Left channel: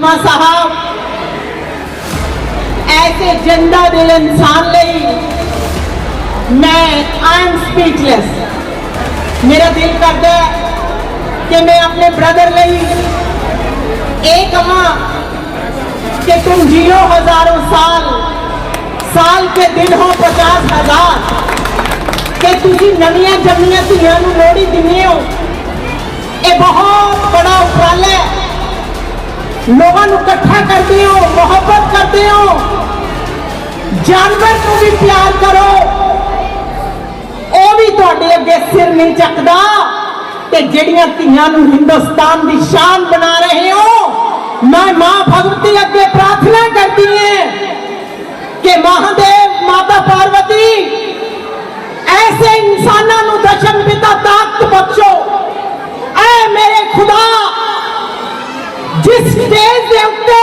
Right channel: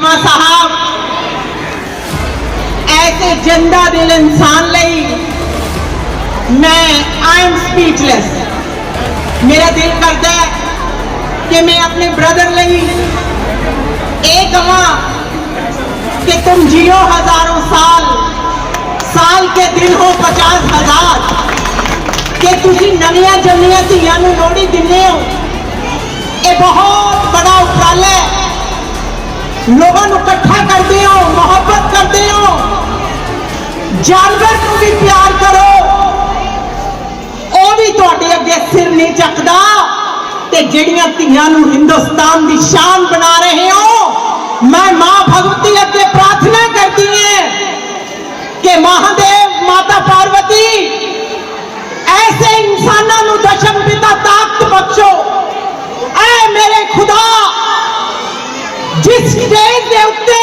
ਮਾ ਸਾਹਿਬ ਐਸੇ ਜੰਦਾ ਦਿਲ ਇਨਸਾਨ ਲਈ ਮੈਂ ਆਈ ਐਮ ਸਪੀਚਲੈਸ ਮੇਰਾ ਦਿਲ ਕਰਦਾ ਹੈ ਕਿ ਮੈਂ ਆਪਣੇ ਬ੍ਰਦਰ ਲਈ ਇਹ ਕਹਾਂ कि तुम जियो हजारों साल साल के दिन हो पचास हजार ਕਿ ਤੁਸੀਂ ਨਵੀਆਂ ਜੰਮੀਆਂ ਧੀਆਂ ਨੂੰ ਲੋਹੜੀ ਦਿੰਦੇ ਹੋ ਇਹ ਬਹੁਤ ਬੜਾ ਉਪਰਾਲਾ ਹੈ ਲੋਕਾਂ ਨੂੰ ਇਕੱਠਾ ਕਰਦੇ ਹੋ, ਮੁਹੱਬਤ ਕਰਦੇ ਹੋ। ਜਾਨਵਰ ਨੂੰ ਵੀ ਪਿਆਰ ਕਰੋ। ਉਹ ਵੀ ਤੁਹਾਡੇ ਅੱਗੇ ਸਿਰ ਨਹੀਂ ਚੱਕਦਾ। ਤੇ ਜਿਹੜੀਆਂ ਧੀਆਂ ਨੂੰ ਹਿੰਦੁਸਤਾਨ ਦੀ ਸ਼ਾਨ ਬਣਾ ਰਹੇ ਹੋ, ਮੈਂ ਮਾਂ ਭਗਵਤੀ ਅੱਗੇ ਪ੍ਰਾਰਥਨਾ ਕਰਦੀ ਹਾਂ ਕਿ ਮਹਾਦੇਵ ਮਾਤਾ ਪਾਰਵਤੀ, ਐਸੇ ਇਨਸਾਨਾਂ ਨੂੰ ਦਸ਼ਮ ਪਿਤਾ ਤਾਕਤ ਬਖਸ਼ੋ। ਐ ਮੇਰੇ ਖੁਦਾ ਜਿਸ ਸਟੇਜ ਦੇ ਉੱਤੇ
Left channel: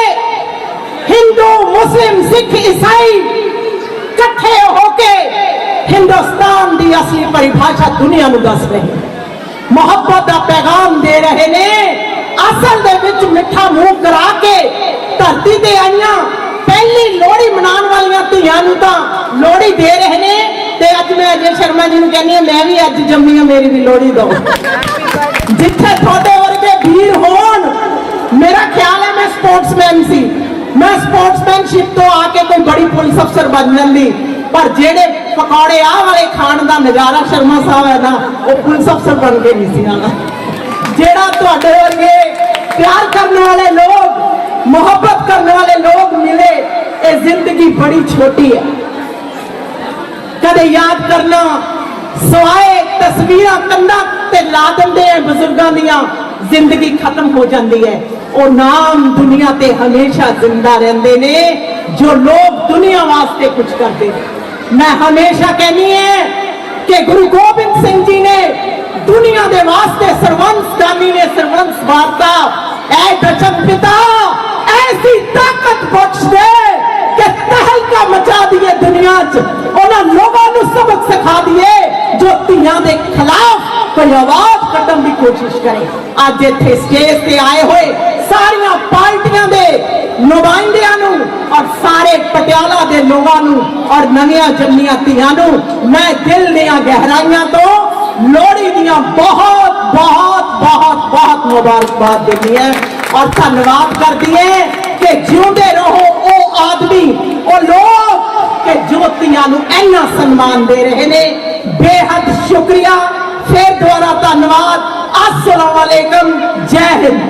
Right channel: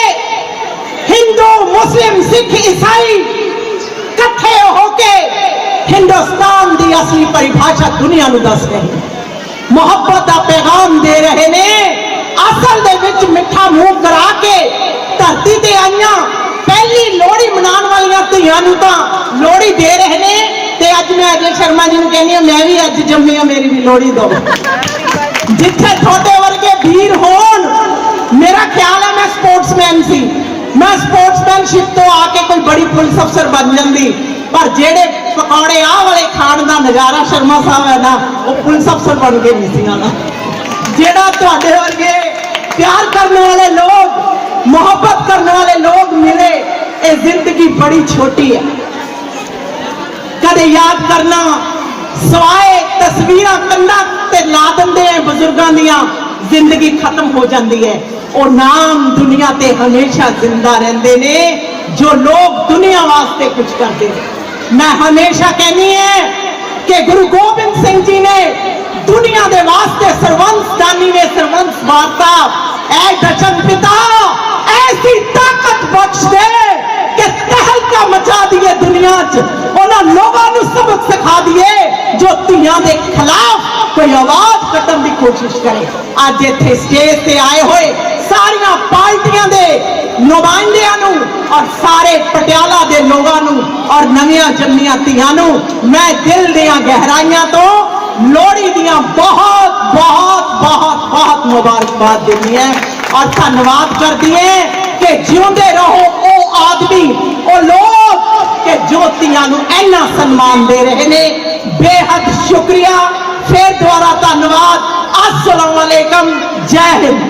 ਹਿੰਦੂ ਮੁਸਲਿਮ ਸਿੱਖ ਈਸਾਈ ਇਕੱਠੇ ਹੋ ਕੇ ਹਿੰਦੁਸਤਾਨ ਦੀ ਅਸਲੀ ਪਰਿਭਾਸ਼ਾ ਦੁਨੀਆ ਨੂੰ ਦੱਸ ਰਹੇ ਮੁਹੱਬਤ ਦਾ ਪੈਗਾਮ ਦੇ ਰਹੇ ਨੇ ਅਸਲ ਦੇ ਵਿੱਚ ਮਿੱਠਾ ਮੂੰਹ ਕਰਾ ਕੇ ਧਰਤੀ ਤੇ ਆਈਆਂ ਪਹਿਲੀ ਲੋਹੜੀ ਮਨਾਉਣ ਵਾਲੀਆਂ ਧੀਆਂ ਨੂੰ ਤਾਂ ਲੋਹੜੀ ਦੇ ਰਹੇ ਨੇ ਤੇ ਅੱਜ ਮੈਂ ਅਜੇ ਸ਼ਰਮਾ ਜੀ ਨੂੰ ਕਹਿੰਦੀ ਹਾਂ ਮੈਂ ਵੀ ਅੱਜ ਜੰਮੀ ਹਾਂ ਮੇਰੀ ਵੀ ਲੋਹੜੀ ਦੋ ਜਿੱਥੇ ਤੁਹਾਡੇ ਵਰਗੇ ਵੀਰ ਹੋਣ ਮੇਰਾ ਖਿਆਲ ਹੈ ਮੈਂ ਮੈਂ ਸਪੋਰਟਸਮੈਨਸ਼ਿਪ ਤੋਂ ਆ ਕੇ ਕੋਈ ਬੜੀ ਪੁਲਿਸ ਅਫਸਰ ਬਣ ਜਾਂਦੀ। ਪਰ ਜਿਹੜੇ ਪਕੌੜੇ ਆਹ ਵਾਲੇ ਖਾਣ ਦਾ ਨਜ਼ਾਰਾ ਸ਼ਰਮਾ ਸਾਹਿਬ ਹੈ ਨਾ, ਉਹ ਪੁਲਿਸ ਅਫਸਰ ਬਣ ਕੇ ਨਹੀਂ ਸੀ ਆਣਾ ਜਿਹੜਾ ਤੁਹਾਡੇ ਵਰਗੇ ਪਿਆਰ ਕਰਨ ਵਾਲੇ ਲੋਕ, ਮੁਹੱਬਤ ਕਰਨ ਵਾਲੇ ਲੋਕ ਮਿਲੇ, ਇਹ ਜ਼ਿੰਦਗੀ ਬੜੀ ਛੋਟੀ ਹੈ। ਕਦੇ ਯਾਦ ਕਰਨਾ, ਸਵਾਏ ਤਸਵੀਰਾਂ ਕੰਧਾਂ ਤੇ ਲਾ ਦਿੰਦੇ ਆ ਬਜ਼ੁਰਗਾਂ ਦੀਆਂ। ਜ਼ਿੰਦਗੀ ਖਤਮ ਹੋ ਜਾਂਦੀ ਹੈ ਉਹ ਨਾਮ ਦੁਨੀਆ ਤੇ ਹਮੇਸ਼ਾ ਜ਼ਿੰਦਾ ਰਹਿੰਦੇ ਨੇ ਜੋ ਲੋਕ ਦੁਨੀਆ ਵਾਸਤੇ ਕੁਝ ਕਰਦੇ ਨੇ ਮੈਂ ਹਮੇਸ਼ਾ ਕਹਿੰਨੀ ਹੈ ਕਿ ਗੁਰੂ ਗੋਬਿੰਦ ਸਿੰਘ ਜੀ ਨੇ ਦੁਨੀਆ ਦੇ ਵਾਸਤੇ ਸਰਵੰਸ ਦਾਨੀ ਨੇ ਸਰਵੰਸ ਵਾਰਤਾ ਐ ਦਸ਼ਮ ਪਿਤਾ ਐਸੀ ਤਾਕਤ ਬਖਸ਼ ਦੇ ਕਿ ਤਹਿਲਕਾ ਮਚਾ ਦਈਏ ਦੁਨੀਆ 'ਚ ਉਹਨਾਂ ਲੋਕਾਂ ਨੂੰ ਸਬਕ ਸਿਖਾ ਦਈਏ ਜੋ ਧੀਆਂ ਦੇ ਖਿਲਾਫ ਕੋਈ ਆਵਾਜ਼ ਕੱਢਣ ਦੀ ਕੋਸ਼ਿਸ਼ ਕਰੇ। ਅੱਜ ਇੱਥੇ ਸਟੇਜ ਤੇ ਆਏ ਹੋਏ ਸਾਰੀਆਂ ਪਾਰਟੀਆਂ ਦੇ ਨੁਮਾਇੰਦਿਆਂ ਨੂੰ ਔਰ ਸਾਰੇ ਪਟਿਆਲਾ ਦੇ ਲੋਕਾਂ ਨੂੰ ਔਰ ਨਵੀਆਂ ਜੰਮੀਆਂ ਧੀਆਂ ਨੂੰ ਮੈਂ ਦਿਲ ਦੀਆਂ ਗਹਿਰਾਈਆਂ ਤੋਂ ਲੋਹੜੀ ਦੀਆਂ ਬਹੁਤ ਬਹੁਤ ਬਹੁਤ ਬਹੁਤ ਮੁਬਾਰਕਬਾਦ ਦਿੰਦੀ ਹੈ ਔਰ ਧੰਨਵਾਦ ਕਰਦੀ ਹੈ ਕਿ ਜਿਉਂਦੇ ਰਹੋ ਉਹ ਆਦਮੀ, ਉਹ ਲੋਕ ਕਿ ਜੋ ਧੀਆਂ ਨੂੰ ਇੰਨਾ ਸਨਮਾਨ ਦੇ ਰਹੇ ਨੇ। আসসালামু আলাইকুম জয় হিন্দ।